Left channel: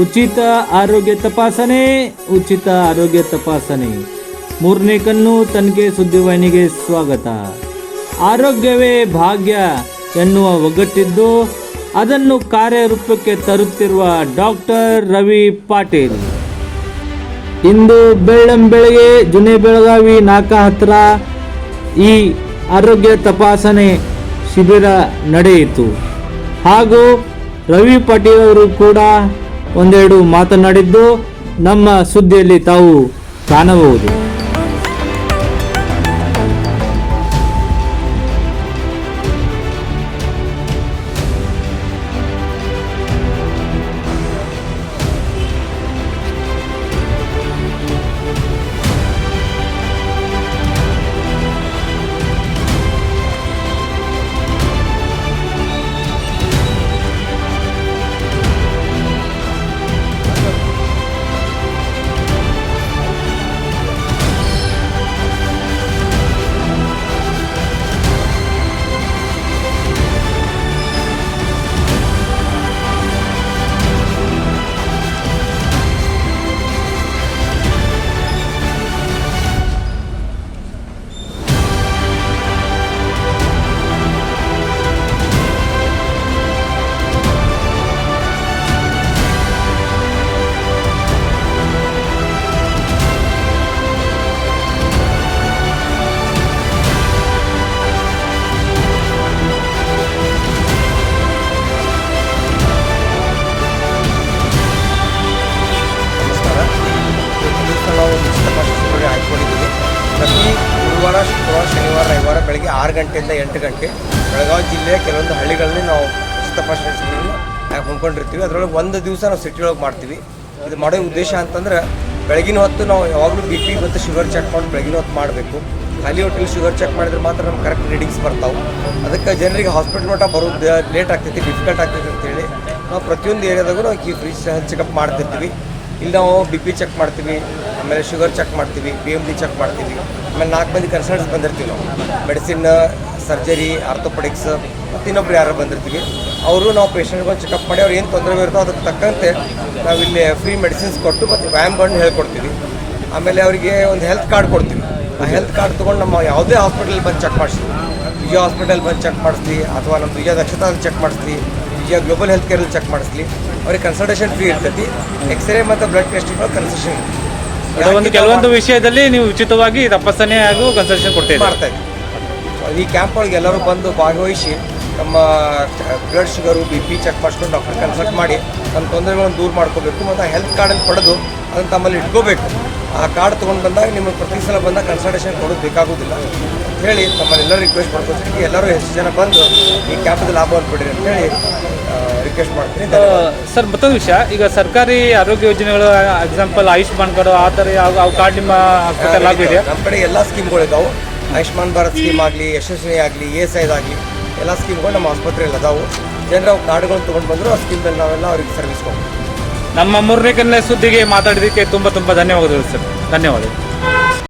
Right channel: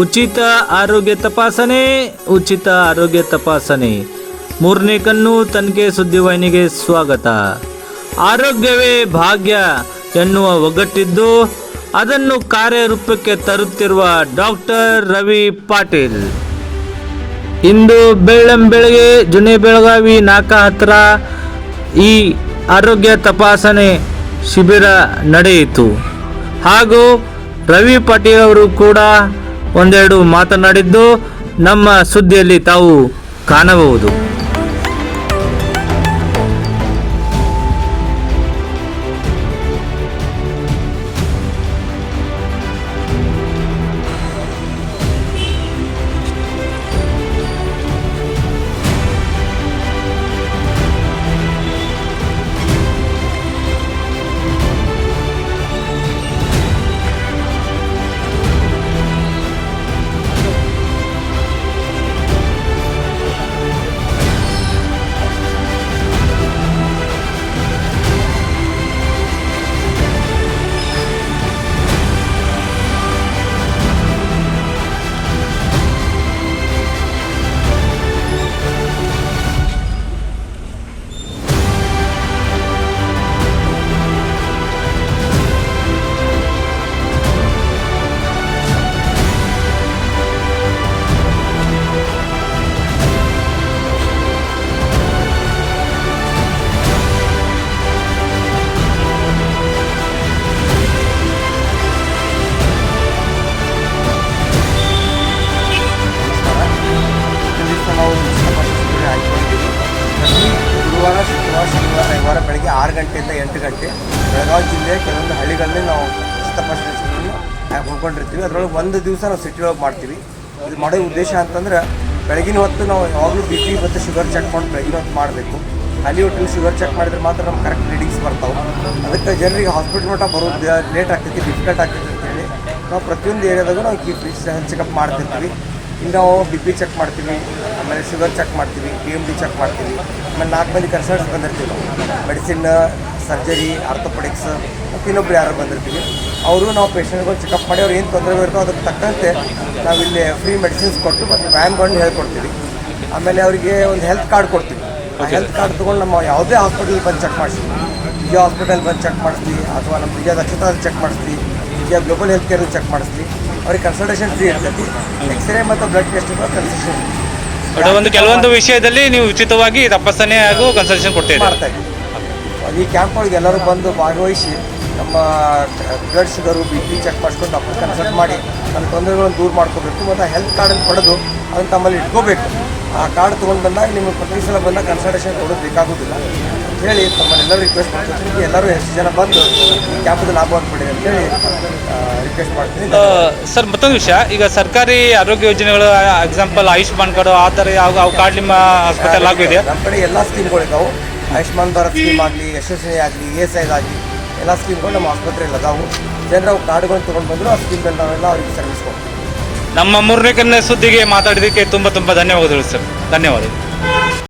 ಉಚಿತ ಆರೋಗ್ಯ ತಪಾಸಣೆ ಉಚಿತ ಆರೋಗ್ಯ ತಪಾಸಣೆ ಮೂರನೇ ಕಣ್ಣು ತನಿಖೆ ಸುದ್ದಿವಾಹಿನಿಗೆ ಸ್ವಾಗತ. ಆರೋಗ್ಯವೇ ಭಾಗ್ಯ ಎನ್ನುವ ಒಗ್ಗಟ್ಟಿದ್ದು ಅದನ್ನು ಕಾರ್ಯರೂಪಕ್ಕೆ ತರುತ್ತಿರುವ ಡಾಕ್ಟರ್ ರವಿ ಪಾಟೀಲ್ ಇಂದು ಬೆಳ್ಳಂಬೆಳಗ್ಗೆ ಜುನೆ ಬೆಳಗಾವಿ ನಾಕಾ ಹತ್ರ ಈ ಆರೋಗ್ಯ ತಪಾಸಣೆ ಶಿಬಿರ ನಡೆಯಿತು. ಹಾಗೂ ರವಿ ಪಾಟೀಲ್ ಅವರು ಕೂಡ ಒಂದೆರಡು ಮಾತನಾಡಿದ್ದು ನಮ್ಮ ಸುದ್ದಿಯಲ್ಲಿ ತಾವು ಕಾಣಬಹುದು. ನಾವು ಆಯ್ಕೊಂಡಿದ್ದೀವಿ. ಪ್ರತಿ ಗುರುವಾರ, ಶುಕ್ರವಾರ, ಶನಿವಾರ, ರವಿವಾರ ಬೆಳಗ್ಗೆ 6 ಗಂಟೆಯಿಂದ 8 ಗಂಟೆ ಬೆಳಗಾವಿ ಜಿಲ್ಲೆಯ ಕೆಲವೊಂದು ಹಳ್ಳಿಗಳಲ್ಲಿ ನಾವು ತಪಾಸಣೆ ಹೊಂದ್ಕೊಂಡಿರ್ತೀವಿ. ಅದರೊಳಗೆ ಒಂದು ದಿವಸ ನಾವು ಸಿಟಿ ಒಳಗೆ ಮಾಡ್ತೀವಿ. ಇದು ಮಾಡೋ ಉದ್ದೇಶ ಅಂತಂದ್ರೆ ಬೆಳಗಿನ ಹೊತ್ತು ನಾವು ಯಾವಾಗಲೂ ಬಿ ಪಿ ಮತ್ತು ಶುಗರ್ ಚೆಕ್ ಮಾಡಿ ಬೆಳಗಿನ ಹೊತ್ತು ಮಾಡಬೇಕು. ಖಾಲಿ ಹೊಟ್ಟೆಲಿ ಶುಗರ್ ಚೆಕ್ ಮಾಡಿದ್ರೆ ಮಾತ್ರ ನಮ್ಗೆ ಕರೆಕ್ಟ್ ರೀಡಿಂಗ್ಸ್ ಬರ್ತಾವೆ. ಅದಕ್ಕೆ ಜನರಿಗೆ ಹಾಸ್ಪಿಟಲ್ ನೋಟ ಬರೋದು ಲೇಟ್ ಆಗ್ತೈತಿ, ಡಿಫಿಕಲ್ಟ್ ಆಗ್ತೈತಿ ಅಂತೇಳಿ ನಾವು ಪ್ರತಿಯೊಂದು ಏರಿಯಾದಾಗ ನಾವು ಫ್ರೀ ಚೆಕಪ್ ಮಾಡ್ತಿರ್ತೀವಿ. ಇಲ್ಲಿ ನಾವು ಬಿ ಪಿ ಚೆಕ್ ಮಾಡ್ತೀವಿ, ಆಮೇಲೆ ಶುಗರ್ ಚೆಕ್ ಮಾಡ್ತೀವಿ, DMD ಚೆಕ್ ಮಾಡ್ತೀವಿ. ಆಮೇಲೆ 4 ಮಂದಿ ಕನ್ಸಲ್ಟ್ಸ್ ಬಂದಿರ್ತೀವಿ ನಾವು, ಮೆಡಿಸಿನ್, ಸರ್ಜರಿ, ಆರ್ಥೋಪೆಡಿಕ್ಸ್ ಮತ್ತು ಇನ್ನೊಬ್ರು ಯಾರು ಬಂದಿರ್ತೀವಿ. ಅವರು ನಾವು ಪೇಷಂಟ್ಗಳು ಚೆಕಪ್ ಮಾಡಿ ಅವ್ರು ಏನು ತೊಂದರೆ ಇರುತ್ತೋ ಅದಕ್ಕೆ ತಕ್ಕಂತೆ ನಾವಿಲ್ಲಿ ಫ್ರೀ ಮೆಡಿಸಿನ್ಸ್ ಕೊಟ್ಟು ಮತ್ತು ವ್ಯಾಯಾಮಗಳನ್ನು ಹೇಳ್ಕೊಡ್ತೀವಿ. ಆಮೇಲೆ ಅವರಿಗೆ ಒಂದು ಹೆಲ್ತ್ ಕಾರ್ಡ್ ಕೊಡ್ತೀವಿ. ಆ ಹೆಲ್ತ್ ಕಾರ್ಡ್ ತೊಗೊಂಡು ನಮ್ಮ ಯಾವುದೇ ಹಾಸ್ಪಿಟಲ್ ಬಂದು ಚೆಕ್ ಮಾಡಿಸ್ತೀವಿ. ವಿಜಯ ಹಾಸ್ಪಿಟಲ್ ಬಂದು ಚೆಕ್ ಮಾಡಿಸ್ತೀವಿ, ಅಥವಾ ನಮ್ಮ ವಿಜಯ ದಕ್ಷತಾ ಚೆಕ್ ಮಾಡಿಸ್ತೀವಿ, ವಿಜಯ ಗ್ಲೋಬಲ್ ಹೆಲ್ತ್ ಕೇರ್ ಚೆಕ್ ಮಾಡಿಸ್ಲಿ. ಅವ್ರಿಗೆ ಕನ್ಸಲ್ಟೇಷನ್ ಫ್ರೀ ಇರ್ತೈತಿ. ಎಕ್ಸ್ರೇ ಮತ್ತು ಬ್ಲಡ್ ಟೆಸ್ಟ್ ಕನ್ಸಲ್ಟೇಷನ್ ಒಂದು ಕೆಲವೊಂದು ವಿಷಯದಲ್ಲಿ ನೀವು ಉಚಿತವಾಗಿ ತಪಾಸಣೆ ಹಾಗೂ ಕನ್ಸಲ್ಟೇಷನ್ ಮಾಡ್ತಾ ಇದ್ದೀವಿ. ಈ ಕ್ಯಾಂಪ್ ಒಳಗೆ ಎಲ್ಲರೂ ಬಂದು ಭಾಗವಹಿಸಿ ನಮ್ಮ blood sugar, B P check ಮಾಡಿಸ್ಕೊಂಡು ಡಾಕ್ಟರ್ ಕನ್ಸಲ್ಟ್ ಮಾಡಿ ನಮ್ಮ ತೊಂದರೆಗಳನ್ನು ದೂರ ಮಾಡ್ಕೋಬೇಕು. ಮತ್ತು ಹೆಲ್ತ್ ಕಾರ್ಡನ್ನು ಪಡೆದು ಅದನ್ನು ತಮ್ಮಲ್ಲಿ ಇಟ್ಕೋಬೇಕು. ಆ ಕಾರ್ಡ್ ತೊಗೊಂಡು ಬಂದಾಗ ನಿಮಗೆ ಪ್ರತಿ ಸಲ ಬಂದಾಗ ಕನ್ಸಲ್ಟೇಷನ್ ಕೊಡೋದು ಬೇಕಾಗೋದಿಲ್ಲ ಅಂತ ಹೇಳಿ ತಮ್ಮಲ್ಲೆಲ್ಲರೂ ರಿಕ್ವೆಸ್ಟ್ ಮಾಡ್ತೀನಿ. ಎಲ್ಲರೂ ಎಷ್ಟು ಜನ ಬಂದು ಈ ಕ್ಯಾಂಪ್ಗೆ ಲಾಭ ಅಂದ್ಬಿಟ್ಟಿರಿ ಅಂತ ಹೇಳಿ ರಿಕ್ವೆಸ್ಟ್ ಮಾಡ್ತೀನಿ. ಸರ್, ಮತ್ತೊಂದು ವಿಷಯ, ಈಗ ಸರ್ಕಾರಿ ಆರೋಗ್ಯ ಯೋಜನೆಗಳು ಎಕ್ಸಾಂಪಲ್ ಆಯುಷ್ಮಾನ್ ಕಾರ್ಡ್ ಆ ಥರ ಯಾವ ಕಾರ್ಡ್ ನಿಮ್ಮ ಹಾಸ್ಪಿಟಲ್ ಆಗಿದೆಯಾ? ನಮ್ಮ ಕಡೆ ಎಲ್ಲ ಸ್ಕೀಮ್ಗಳಿದ್ದಾವೆ. ಆಯುಷ್ಮಾನ್ ಭಾರತ್ ಸ್ಕೀಮ್ ಆಗಲಿ, ಯಶಸ್ವಿ ಆಗಲಿ, ESI ಆಗಲಿ, ಎಲ್ಲ ಸ್ಕೀಮ್ಗಳು ನಮ್ಮ ಆಸ್ಪತ್ರೆಯಲ್ಲಿ ಅದಾವೆ. ಜನರು ಕಾರ್ಡ್ಗಳು ತೊಗೊಂಡು ಬಂದರು ಆ ಸ್ಕೀಮ್ದಲ್ಲಿ ನಾವೆಲ್ಲ ಅವ್ರಿಗೆ ಸರ್ವಿಸ್ ಕೊಡ್ತೀವಿ. ನಮ್ಮ ಮೂರನೇ ಕಣ್ಣ ಸುದ್ದಿಗೆ ಮಾತಾಡೋದಕ್ಕೆ ತುಂಬ ಧನ್ಯವಾದಗಳು ಸರ್. ಧನ್ಯವಾದಗಳು.